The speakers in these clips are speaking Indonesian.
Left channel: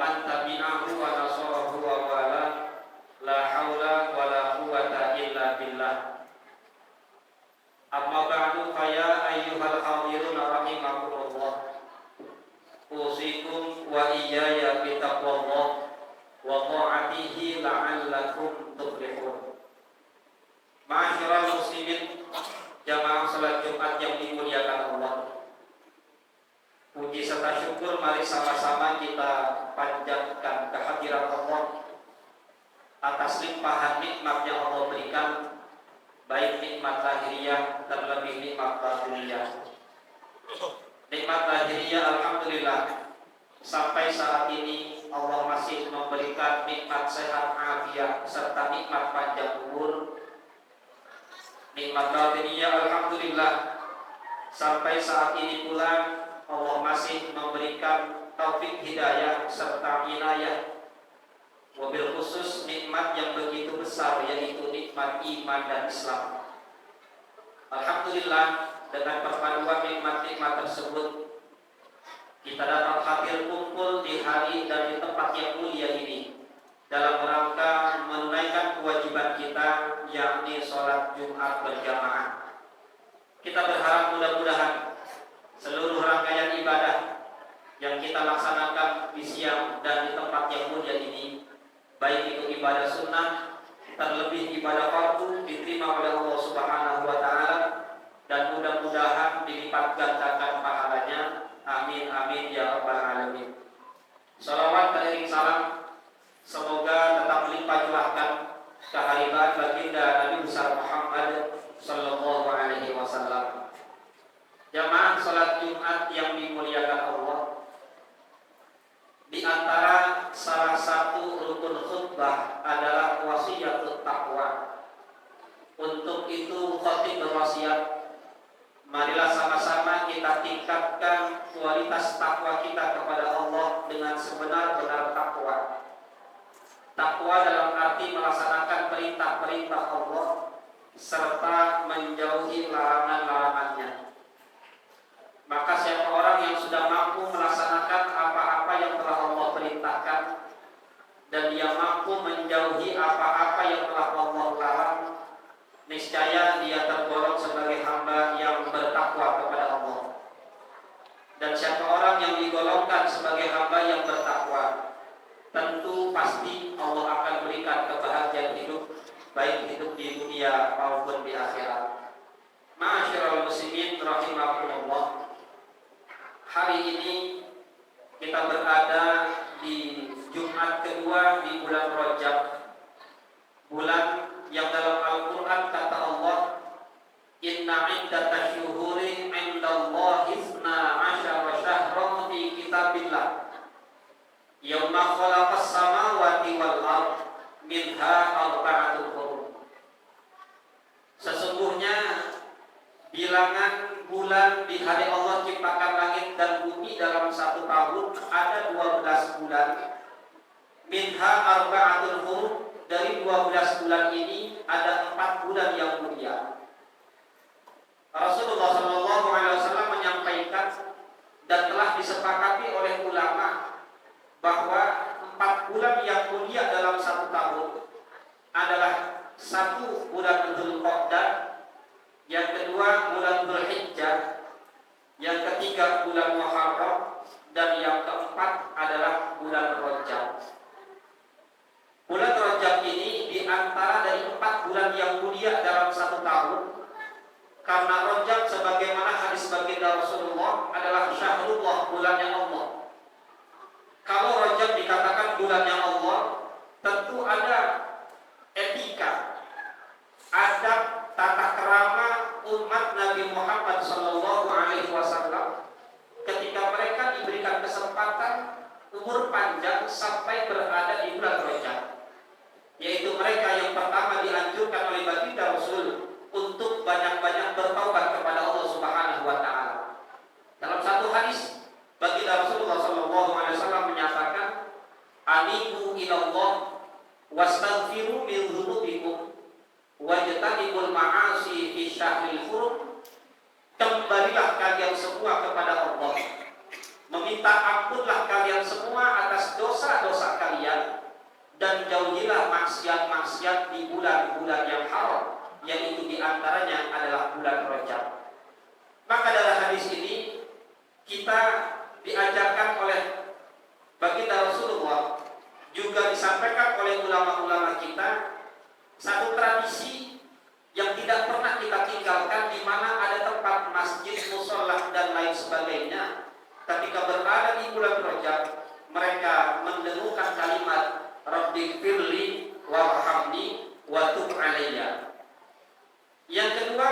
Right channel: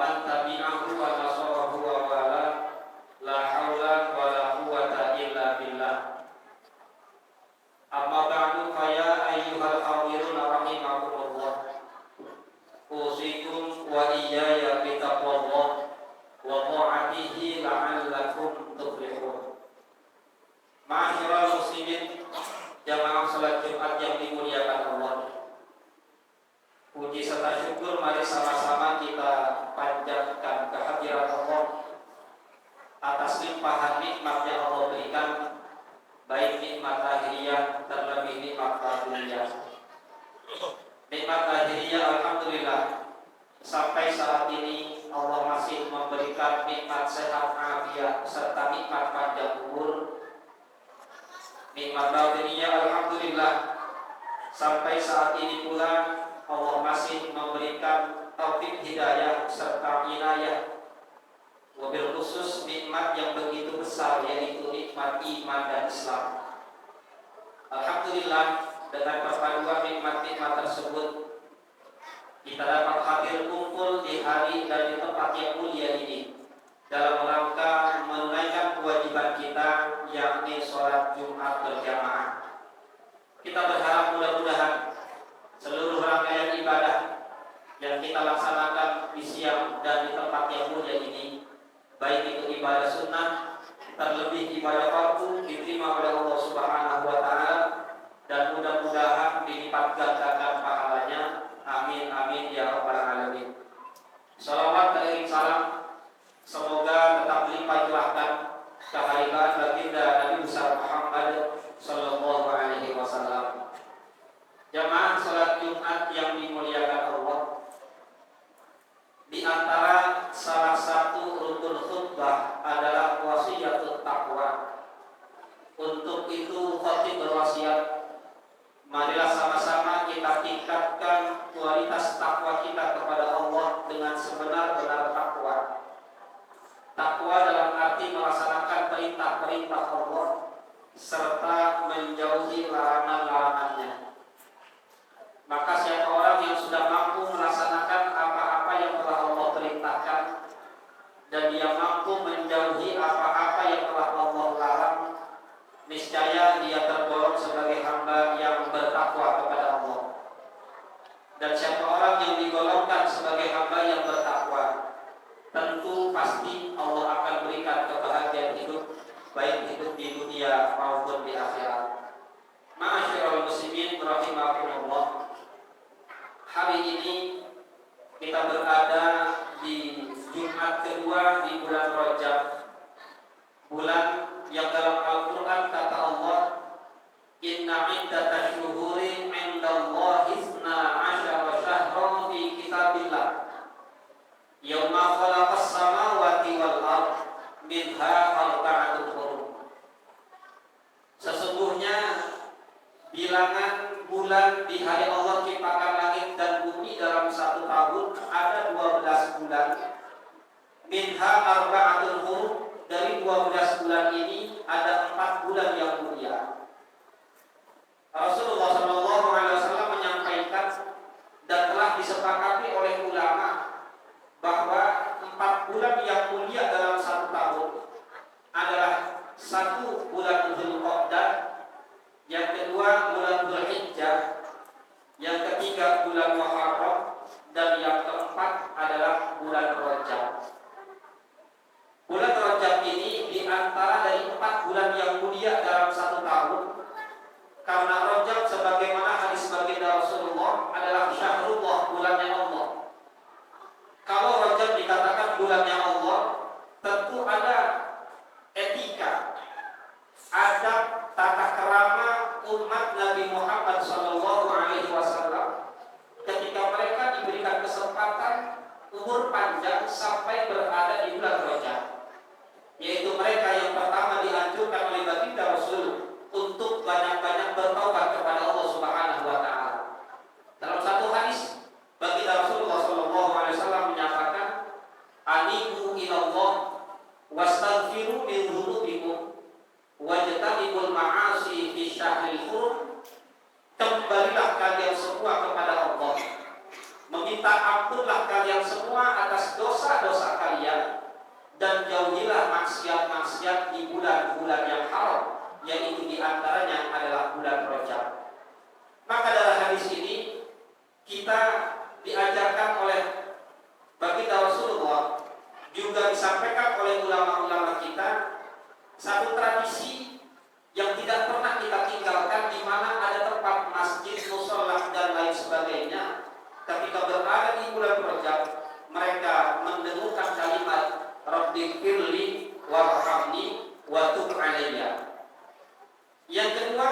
man tabi'ahu wa nasarahu wa wala la haula wa la quwwata illa billah. Amma ba'du fa ya ayyuhal hadirun rahimakumullah. Usikum wa iyaya bi taqwallah wa ta'atihi la'allakum tuflihun. Ma'asyiral muslimin, jamaah salat Jumat yang dimuliakan Allah. Puji serta syukur mari sama-sama kita panjatkan kehadiran Allah atas limpahan nikmat yang Allah berikan, baik nikmat lahiriah terlebih nikmat batiniyah. Nikmat lahiriah alhamdulillah, sampai saat ini Allah masih memberikan nikmat sehat afiat serta nikmat panjang umur. Nikmat batiniyah alhamdulillah, sampai saat ini pula Allah masih memberikan taufik hidayah serta inayah. Wabil khusus nikmat yang begitu besar, yaitu nikmat iman dan Islam. Alhamdulillah, dengan perpaduan nikmat-nikmat tersebut kita dapat hadir kumpul di hari dan di tempat yang mulia ini dalam rangka menunaikan kewajiban kita, yakni sholat Jumat berjamaah. Kita berharap mudah-mudahan seluruh rangkaian ibadah yang kita laksanakan di siang dan di tempat yang mulia ini, baik itu ibadah sunnah, terlebih ibadah fardu, diterima oleh Allah Subhanahu wa Ta'ala, dan mudah-mudahan dilipat gandakan pahalanya. Amin amin ya rabbal alamin. Salawat dan salam semoga tetap limpah curahkan kehadiran baginda Nabi besar Muhammad sallallahu alaihi wasallam. Jamaah salat Jumat yang dimuliakan Allah, di antara salah satu rukun khutbah adalah wasiatut taqwa. Untuk itu khatib berwasiat, marilah sama-sama kita tingkatkan kualitas takwa kita kepada Allah dengan sebenar-benar takwa. Takwa dalam arti melaksanakan perintah-perintah Allah serta menjauhi larangan-larangannya. Maka siapa orang yang sudah mampu melaksanakan apa-apa yang telah Allah perintahkan dan dia mampu menjauhi apa-apa yang telah Allah larang, niscaya dia tergolong sebagai hamba yang bertakwa kepada Allah. Dan siapa orang yang digolongkan sebagai hamba yang bertakwa, tentu pasti Allah akan berikan kebahagiaan hidup, baik hidup di dunia maupun di akhirat. Ma'asyiral muslimin rahimakumullah. Hari ini kita berada di Jumat kedua di bulan Rajab, bulan yang dalam Al-Quran kata Allah, Inna iddatash syuhuri indallahi isna asyara syahran fi kitabillah yauma khalaqas samawati wal ardh minha arba'atun hurum. Sesungguhnya bilangan bulan di hari Allah ciptakan langit dan bumi dalam satu tahun ada 12 bulan. Minha arba'atun hurum, dari 12 bulan ini ada 4 bulan yang mulia. Rasulullah SAW menyampaikan dan telah disepakati oleh ulama bahwa 4 bulan yang mulia dalam satu tahun adalah 1 bulan Dzulqa'dah, yang kedua bulan Dzulhijjah, yang ketiga bulan Muharram, dan yang keempat adalah bulan Rajab. Bulan Rajab ini diantara dari 4 bulan yang mulia dalam satu tahun, karena Rajab sebagaimana hadis baginda Rasulullah adalah syahrullah, bulannya Allah. Kalau Rajab dikatakan bulannya Allah, tentu ada etika, adab, tata kerama umat Nabi Muhammad SAW ketika mereka diberikan kesempatan umur panjang sampai berada di bulan Rajab, yaitu mereka yang pertama dianjurkan oleh baginda Rasul untuk banyak-banyak bertaubat kepada Allah Subhanahu wa Ta'ala. Dalam satu hadis baginda Rasulullah SAW menyatakan, Anibu ilallah wastaghfiru min dzunubikum wajtanibul ma'asi fi syahril hurum. Kembalilah kalian semua kepada Allah, meminta ampunlah kalian semua atas dosa-dosa kalian, dan jauhilah maksiat-maksiat di bulan-bulan yang haram, yang itu diantaranya adalah bulan Rajab. Maka dalam hadis ini kita diajarkan oleh baginda Rasulullah, juga disampaikan oleh ulama-ulama kita, satu tradisi yang tidak pernah kita tinggalkan, di mana ada tempat masjid, mushola dan lain sebagainya. Ketika berada di bulan Rajab, mereka mendengarkan kalimat Rabbighfirli warhamni wa tub alayya. Yang kedua,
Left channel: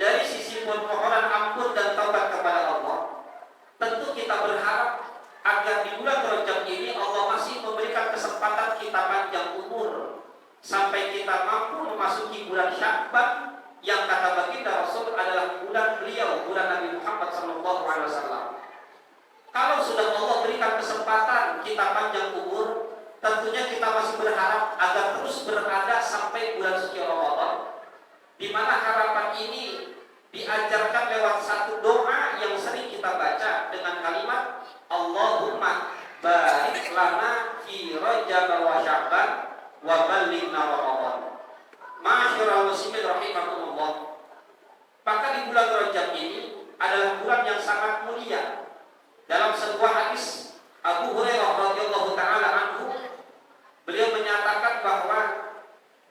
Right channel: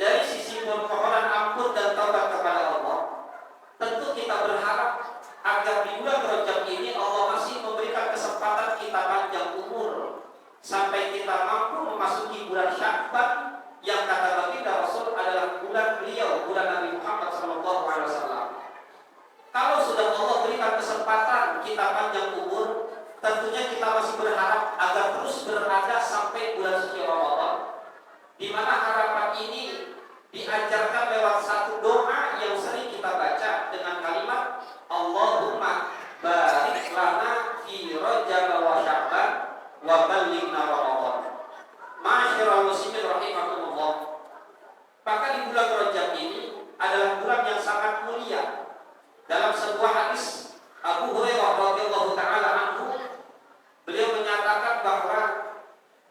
dari sisi permohonan ampun dan taubat kepada Allah, tentu kita berharap agar di bulan Rajab ini Allah masih memberikan kesempatan kita panjang umur sampai kita mampu memasuki bulan Sya'ban, yang kata baginda Rasul adalah bulan beliau, bulan Nabi Muhammad SAW. Kalau sudah Allah berikan kesempatan kita panjang umur, tentunya kita masih berharap agar terus berada sampai bulan suci Ramadan, di mana harapan ini diajarkan lewat satu doa yang sering kita baca dengan kalimat Allahumma barik lana fi Rajab wa Sya'ban wa ballighna Ramadan. Ma'asyiral muslimin rahimakumullah. Maka di bulan Rajab ini adalah bulan yang sangat mulia. Dalam sebuah hadis Abu Hurairah radhiyallahu taala anhu, beliau menyatakan bahwa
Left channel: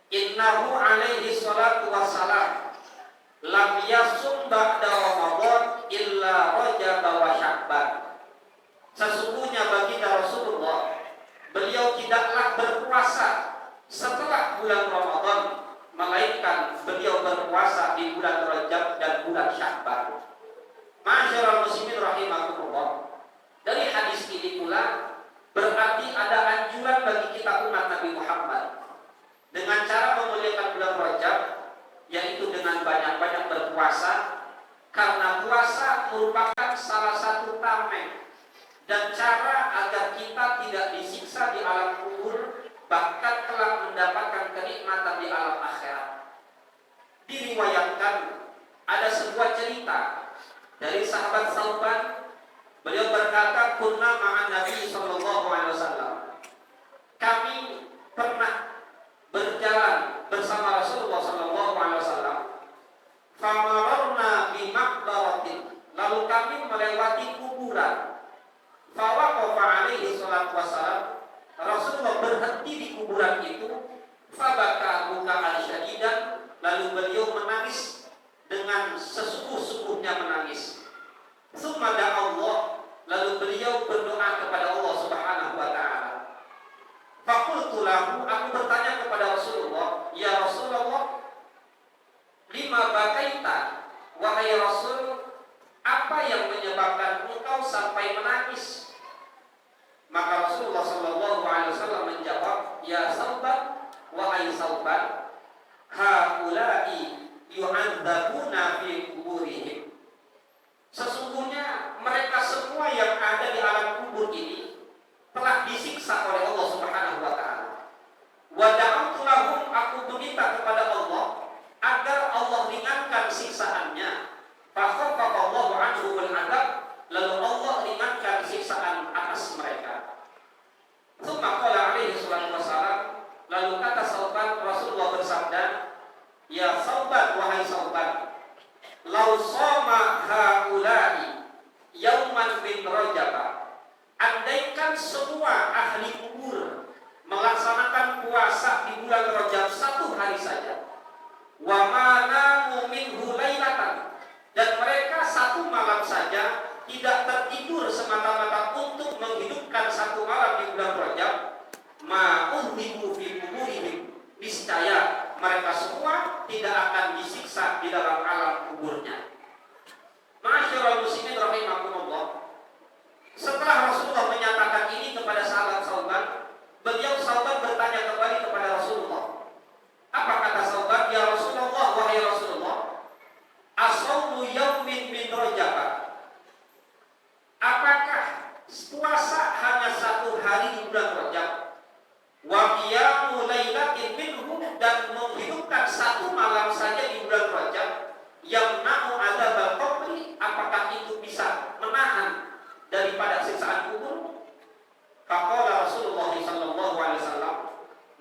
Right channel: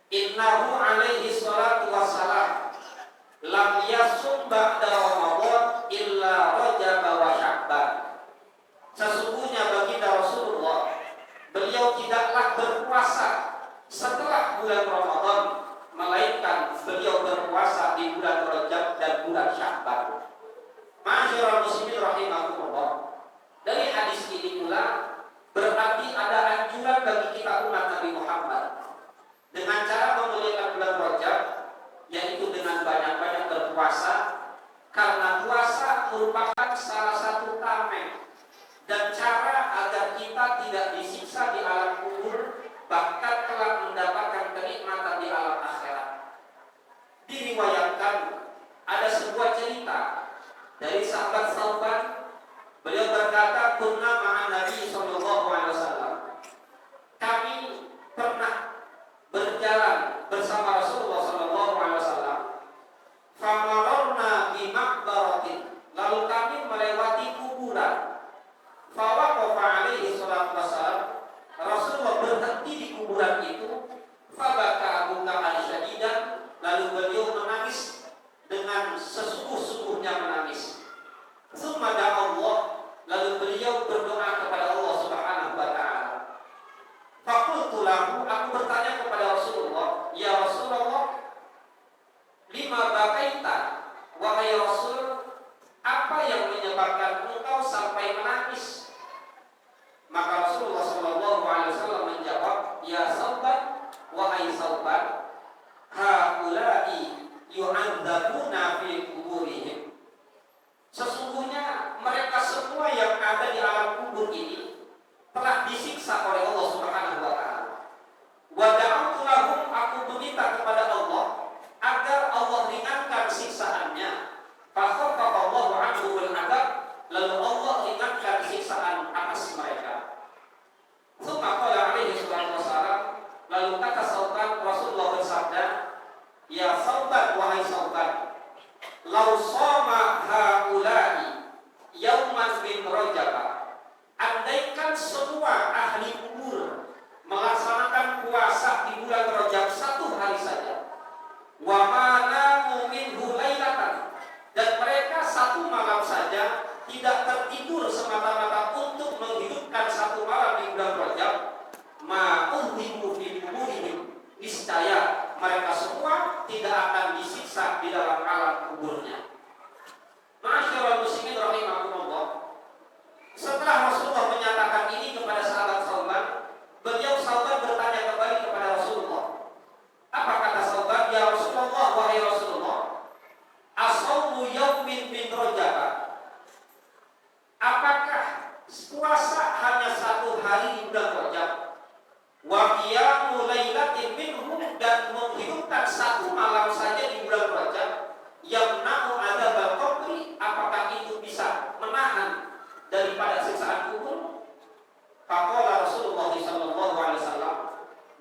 innahu alaihi salatu wassalam lam yasum ba'da Ramadan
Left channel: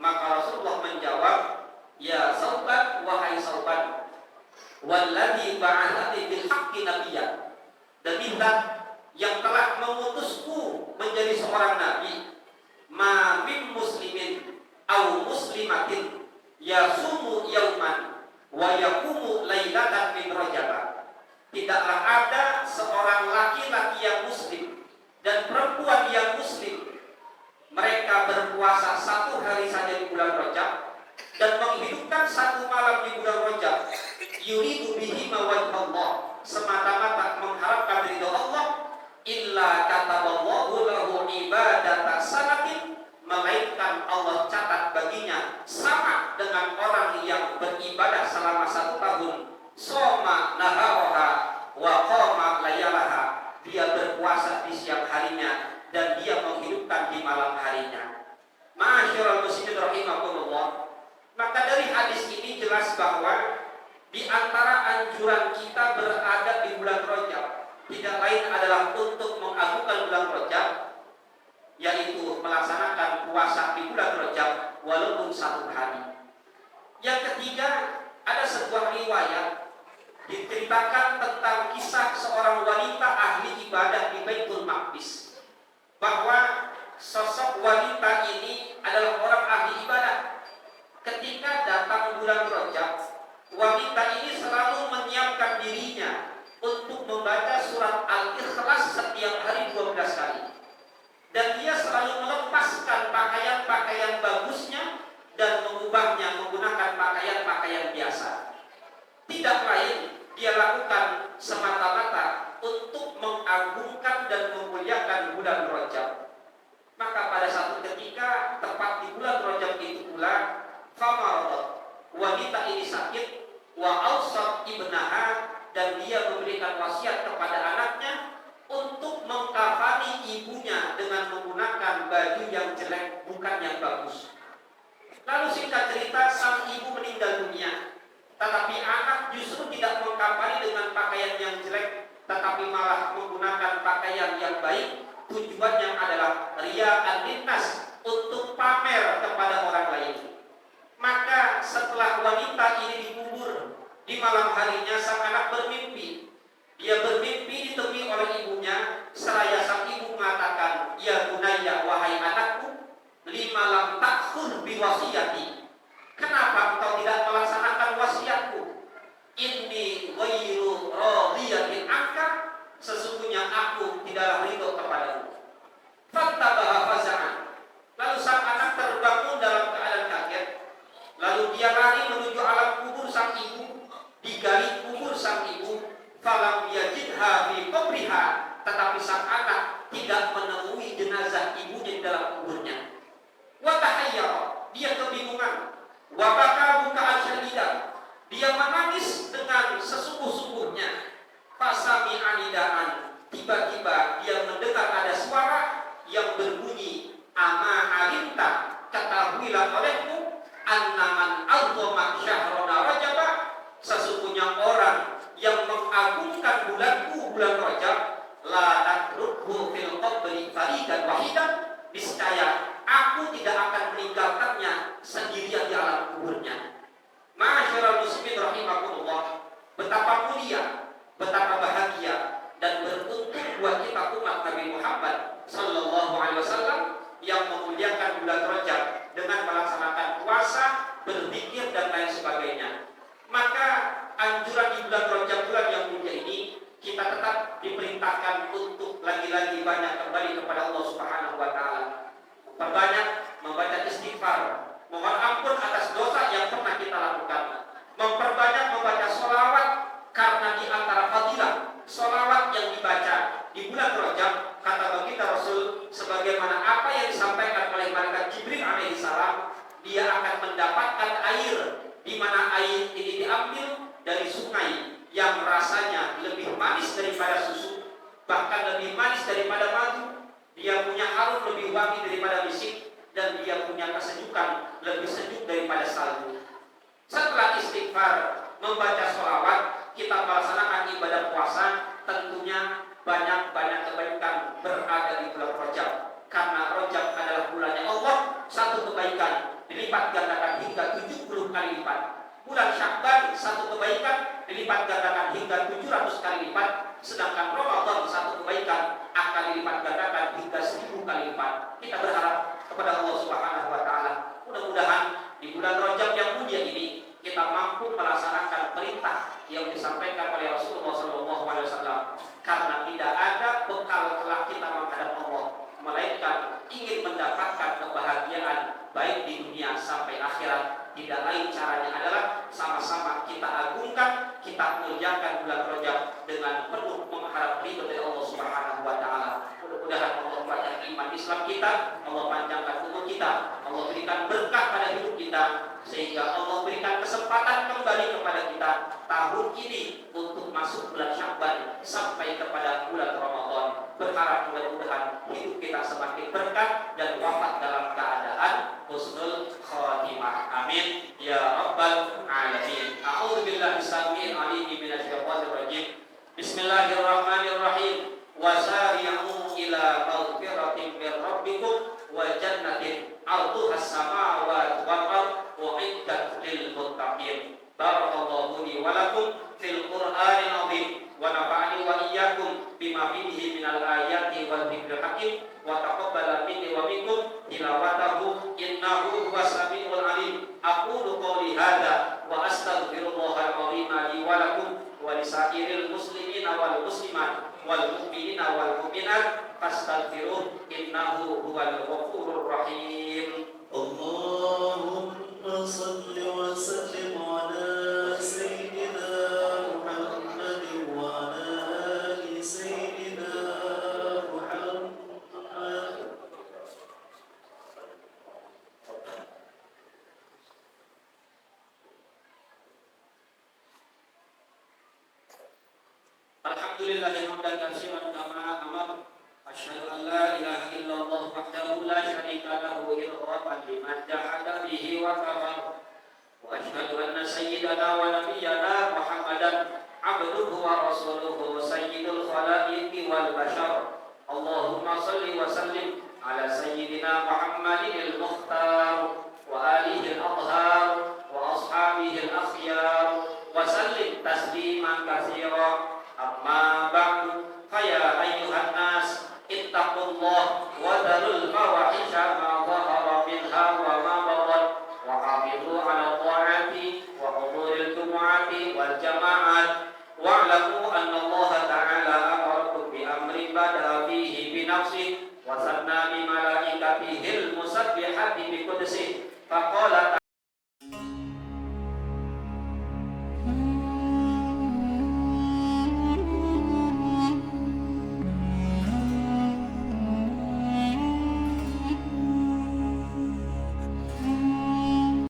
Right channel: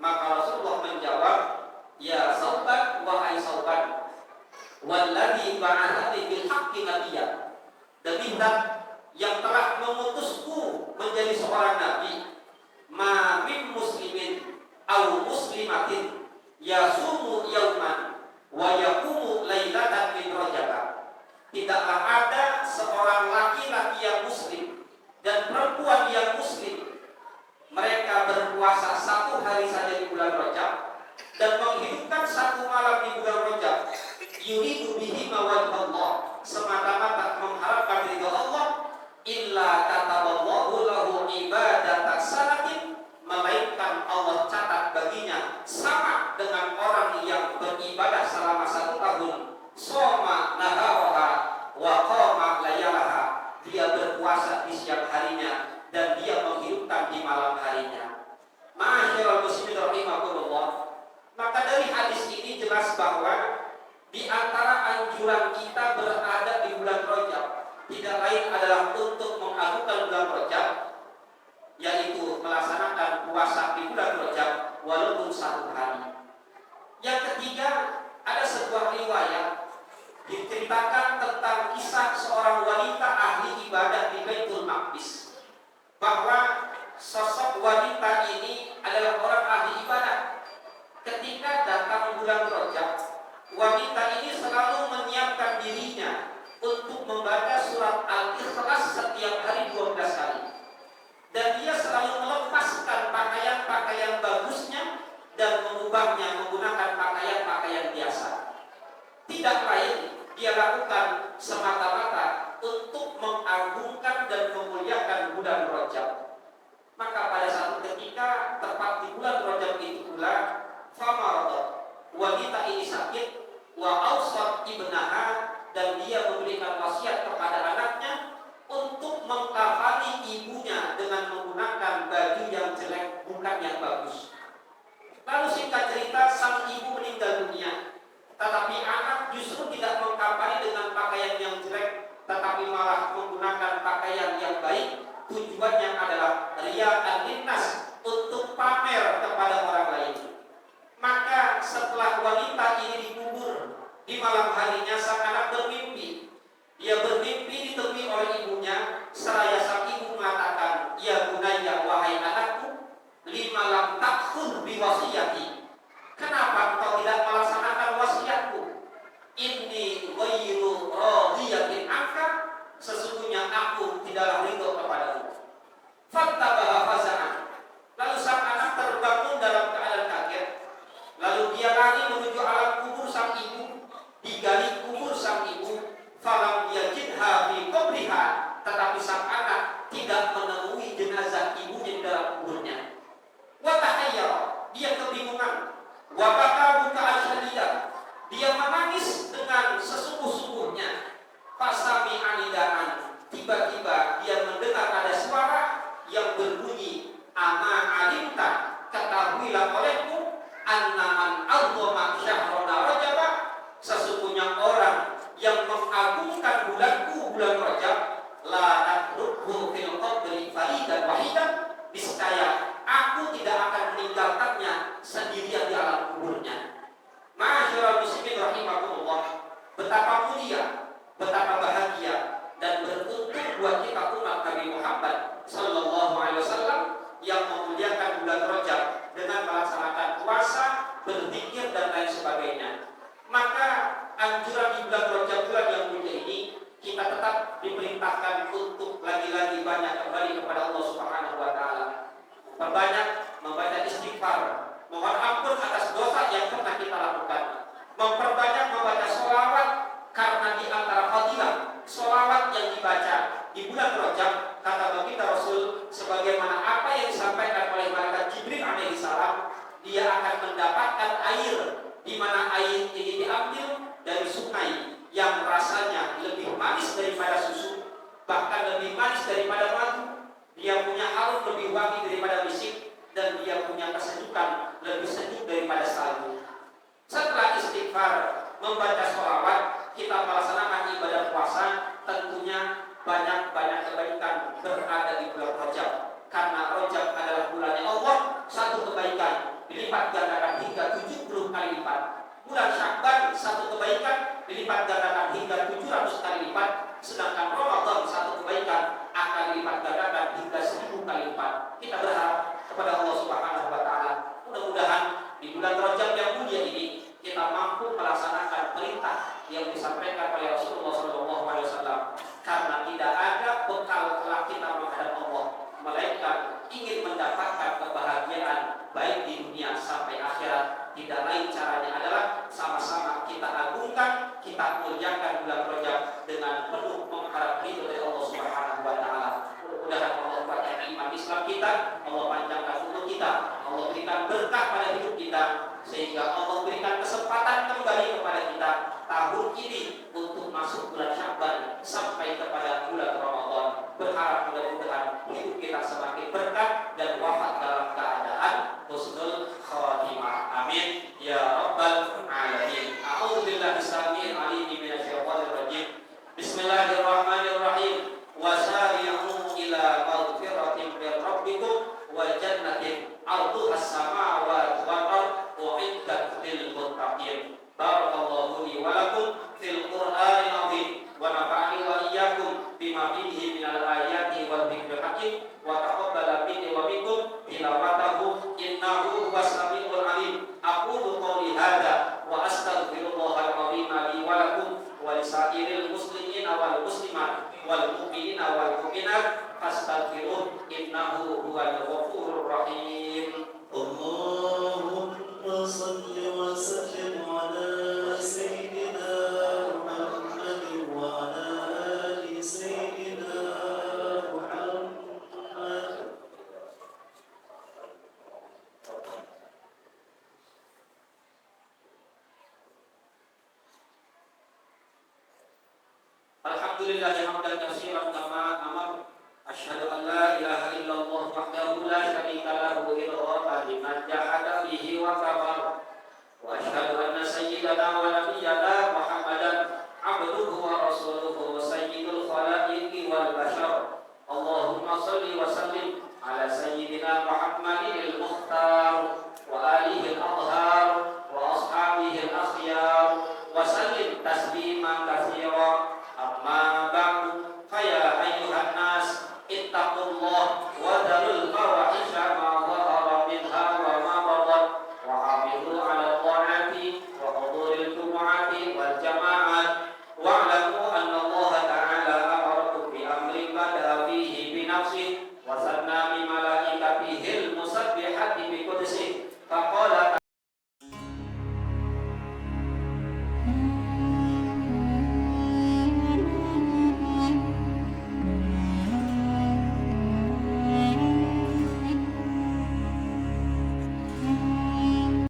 Maka Rasulullah menjawab, ya Sauban, wahai Sauban, walladzi ba'athani bil haqqi nabiyyan, demi zat yang telah mengutusku menjadi seorang nabi, ma min muslimin aw muslimatin yasumu yauman wa yaqumu lailatan min rajab. Tidaklah ada seorang laki-laki yang muslim dan perempuan yang muslim, mereka berpuasa satu hari saja di bulan Rajab dan menghidupkan satu malam di bulan Rajab, yuridu bihi mawajh Allah, semata-mata mengharapkan ridha Allah, illa kataballahu lahu ibadatan salatin, melainkan Allah catat baginya sama dengan orang yang beribadah selama 1 tahun, soma naharaha wa qama layalaha, dia berpuasa di siang harinya dan dia menghidupkan di malam harinya. Ma'asyiral muslimin rahimakumullah. Maka dari hadis ini jelas bahwa di antara anjuran kita berada di bulan Rajab tidak lain adalah untuk mengagungkan bulan Rajab, yaitu melaksanakan puasa di bulan Rajab walaupun 1 hari. Yang ketiga, ada sebuah riwayat diceritakan tentang kisah seorang wanita ahli ibadah di Baitul Maqdis, bahwa sosok wanita ini adalah orang ahli ibadah. Ketika datang bulan Rajab, wanita ini selalu menyiapkan dirinya untuk membaca surat Al-Ikhlas setiap hari 12 kali. Dan dia selalu melepaskan pakaian-pakaian bagusnya dan mengubahnya menggunakan pakaian-pakaian biasa. Tidak lain, dia lakukan semata-mata untuk mengagungkan dan memuliakan bulan Rajab. Maka pada satu ketika tepat di bulan Rajab itu pula, famaradat, wanita ini sakit, wa awsat ibnaha, dan dia memberikan wasiat kepada anaknya untuk mengkafani ibunya dengan menggunakan baju yang jelek, bukan yang bagus. Lalu singkat cerita, sang ibu meninggal dunia, tetapi anak justru tidak mengkafani dengan pakaian yang jelek, tetapi malah menggunakan pakaian yang baik. Tujuannya adalah riya'an linnas, untuk pamer kepada orang lain. Maka setelah wanita ini dikubur, di malam harinya sang anak bermimpi. Dia bermimpi ditemui oleh ibunya, seraya sang ibu mengatakan, ya bunayya, wahai anakku, lima lam takhur biwasiyati, kenapa engkau tidak melaksanakan wasiatku? Inni ghairu radiyatin anka, sesungguhnya aku tidaklah ridho kepadamu. Fattabaha faza'an, lalu sang anak terbangun dalam keadaan kaget. Lalu dia lari menuju alam kubur sang ibu, digali kubur sang ibu, falam yajidha fi qabriha, tetapi sang anak tidak menemui jenazah ibunya di dalam kuburnya. Wa tahayyara, dia kebingungan. Wa baka buka'an syadidan, dia menangis dengan sesungguh-sungguhnya. Fasami anidaan, tiba-tiba dia mendengar ada suara yang berbunyi, ama alimta, ketahuilah olehmu, annaman azoma syahrona rajaba, sesungguhnya orang yang mengagungkan bulanku, bulan Rajab, la natruku fil qabri faridan wahidan, niscaya aku tidak akan meninggalkannya sendirian di alam kuburnya. Ma'asyiral muslimin rahimakumullah, betapa mulia, betapa bahagia dan beruntung buat kita umat Nabi Muhammad sallallahu alaihi wasallam yang memuliakan bulan Rajab dengan melaksanakan puasa, berzikir dan lain sebagainya. Maka anjuran di bulan Rajab, bulan yang mulia ini, kita tetap diperintahkan untuk lagi-lagi banyak kembali kepada Allah Subhanahu wa taala. Perbanyak membaca istighfar, mohon ampun atas dosa yang pernah kita lakukan. Memperbanyak membaca sholawat, karena di antara fadilah sholawat yang dibaca di bulan Rajab, kata baginda Rasul, sebagaimana apa yang disampaikan oleh malaikat Jibril alaihi salam, dia akan mendapatkan air, di mana air ini diambil dari sungai yang rasanya lebih manis daripada susu, bahkan lebih manis daripada madu. Dia punya harum lebih wangi daripada misik, dan dia punya kesejukan lebih sejuk daripada salju. Setelah istighfar, membaca sholawat, kita melaksanakan ibadah puasa, tentunya banyak-banyak kebaikan berada di bulan Rajab. Karena Rajab adalah bulannya Allah, satu kebaikan dilipat kita berharap kepada Allah Subhanahu wa taala. Mudah-mudahan di bulan Rajab yang mulia ini kita mampu melaksanakan perintah yang disampaikan oleh Rasulullah SAW, karena tidak ada bekal kelak kita menghadap Allah melainkan ingin mendapatkan kebahagiaan baik di dunia sampai akhirat. Tidak lain caranya adalah sama-sama kita agungkan, kita muliakan bulan Rajab dengan penuh mengharap ridho dari Allah Subhanahu wa taala. Mudah-mudahan Allah kuatkan iman Islam kita, Allah panjangkan umur kita, Allah berikan berkah pada hidup kita, sehingga Allah berikan kesempatan kembali kepada kita tahun ini untuk masuk bulan Sya'ban sampai kepada bulan Ramadan. Berharap mudah-mudahan hidup kita semakin berkah dan wafat dalam keadaan husnul khatimah. Amin ya rabbal alamin. A'udzu billahi samil alim minasyaitonir rajim. Bismillahirrahmanirrahim. Wasari'u ila maghfiratin min rabbikum wa jannatin 'arduha as-samawati wal ardh u'iddat lil muttaqin. Barakallahu li wa lakum fil Qur'anil 'azim wa nafa'ani wa iyyakum bima fihi minal ayati wal dzikril hakim wa taqabbala minni wa minkum tilawatahu innahu huwas samiul 'alim. Aqulu qouli hadza wa astaghfirullahal 'azim li wa lakum wa lisairil muslimina wal muslimat wal mu'minina wal mu'minat fastaghfiruh innahu huwal ghafurur rahim. Allahumma salli wa sallim ala sayyidina Muhammadin wa ala ali sayyidina Muhammad. Alhamdulillah hamdan katsiran kama amar. Asyhadu an la ilaha illallah wahdahu la syarika lahu idghatan liman jahada bihi wa kafar. Wa asyhadu anna sayyidana wa nabiyyana Muhammadan abduhu wa rasuluhu sayyidul khalaiqi wal bashar. Allahumma shalli wa sallim ala sayyidina Muhammadin al-mukhtar wa alihi al-athhar wa ashabihi al-akhyar wa sallim tasliman katsiran. Amma ba'du, faya ayyuhan nas ittaqullah wa dharul fawahisha ma dhahara minha wa ma batan wa hafizu ala ta'ati wa huduril jumu'ati wal jama'at wa'lamu anna Allah ta'ala amarakum bi amrin bada fihi bi nafsihi wa sanna bi malaikatihi al musabbihati bi qudsihi faqala